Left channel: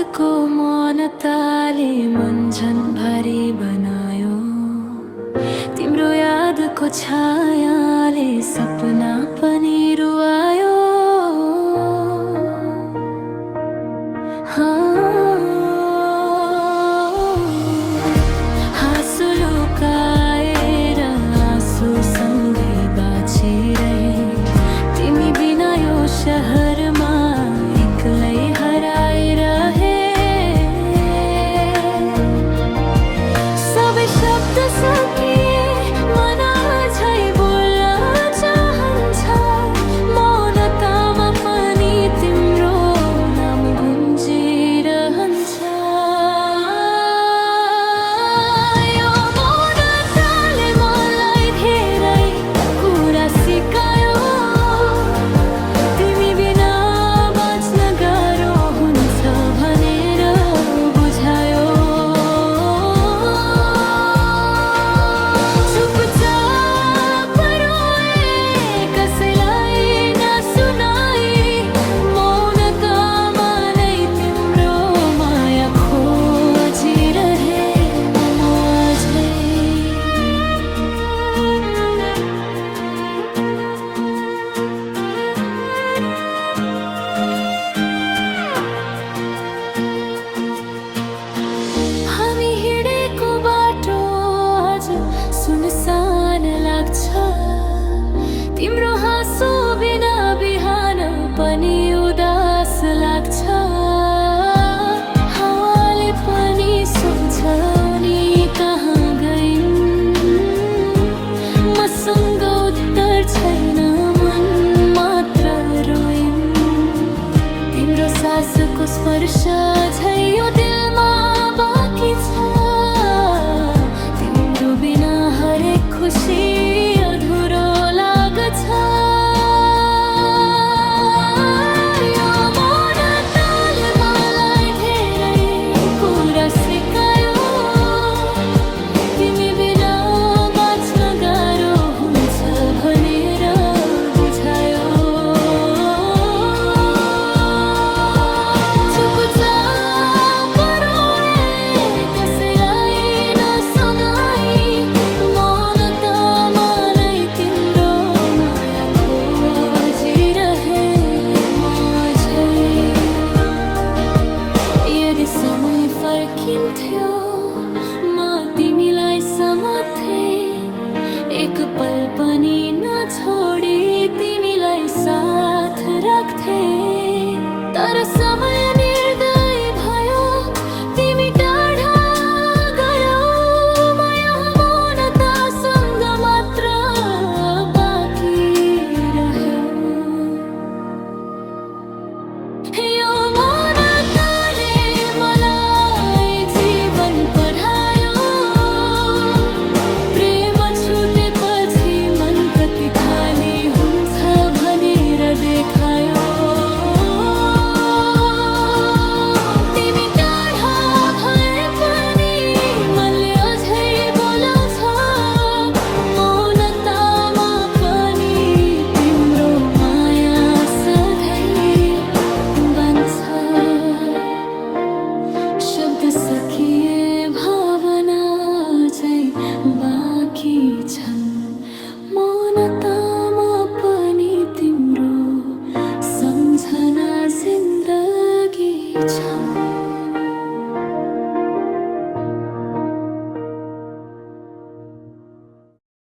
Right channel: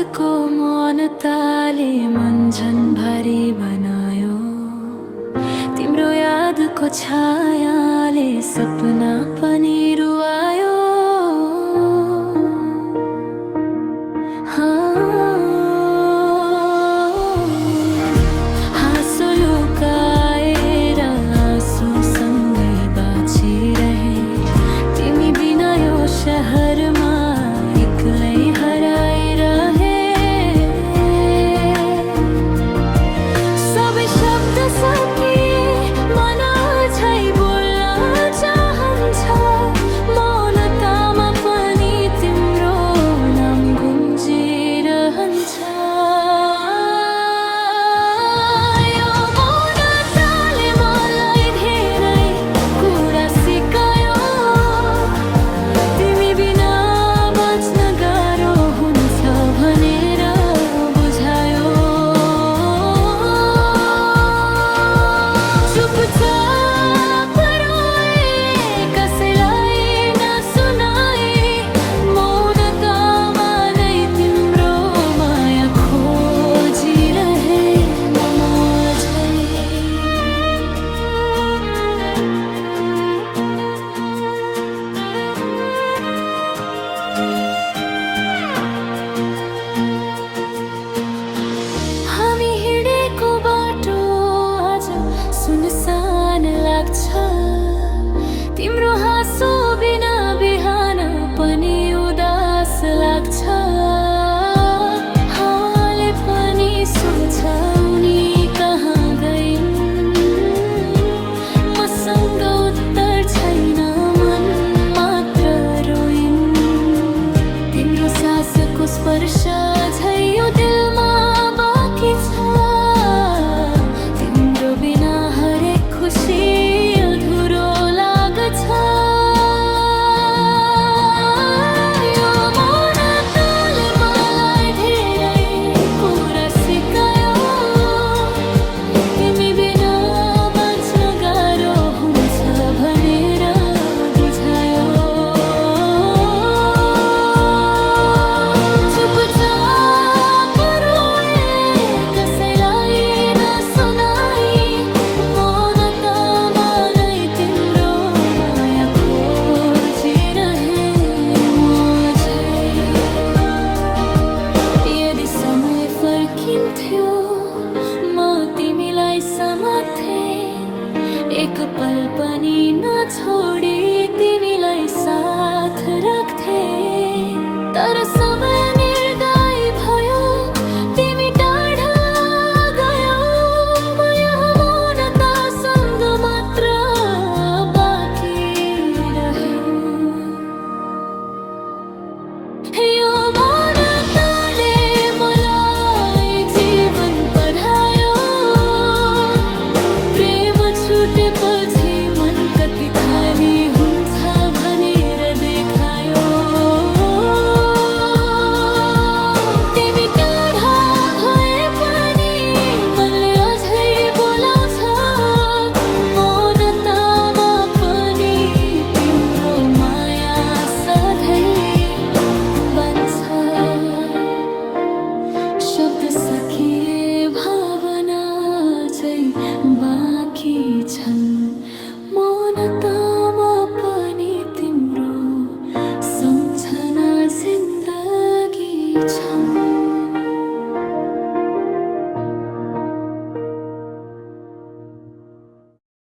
रातको मौनताले मन झन् भारी बनायो। तिम्रो यादको छायाले सपना पनि रुवायो। हाँसो लुकाएर आँसुसँगै बाँचिरहे। तिमी बिना यो शहरमा एक्लै हराइरहे। सबै शब्द सकिए मन अझै बोल्न चाहन्छ। मौनतामा पनि तिम्रो नाम गुन्जिरहन्छ। यो मौनताले मलाई धेरै कुरा सिकायो। तिमी बिना बाँच्न गाह्रो हुन्छ भनेर बुझायो। चुपचाप रोए कसैलाई नसुनाई। मौनतामा नै तिम्रो माया खोजिरहे म अझै। हामी हिँडेको बाटो आज सुनसान लाग्छ। तिम्रो हाँसो बिना बिहान पनि उदास लाग्छ। हावाले पनि सोध्छ उनी कहाँ गइन्। मसँग उत्तर छैन मन मात्र रोइन्। तिम्रो सासको स्पर्श झै यो दिलमा बाँकी छ। तिम्रो बिना हरेक खुसी अधुरो लाग्छ। यो मौनताले मलाई धेरै कुरा सिकायो। तिमी बिना बाँच्न गाह्रो हुन्छ भनेर बुझायो। चुपचाप रोए कसैलाई नसुनाई। मौनतामा नै तिम्रो माया खोजिरहे म अझै। यदि समय फर्किन्थ्यो म तिमीलाई समात्थे। एक पल पनि नछोडी तिमीलाई साथ राख्थे। तर समय निर्दयी भयो। तिमी टाढा गयौ। म यहाँ मौनतासँग मात्र बाँकी रह्यो। यो मौनताले मलाई जीवन पढायो। प्रेम छुटेपछि मन कति खाली हुन्छ भनेर देखायो। तिमी टाढा भए पनि मनले अझै बोलाउँछ। मौनतामा पनि तिम्रो माया सधैँ बन्छ। शब्द सकिए भावना चाहिँ बाँकी छन्। मौनतामा पनि तिम्रो सम्झना जिन्दगी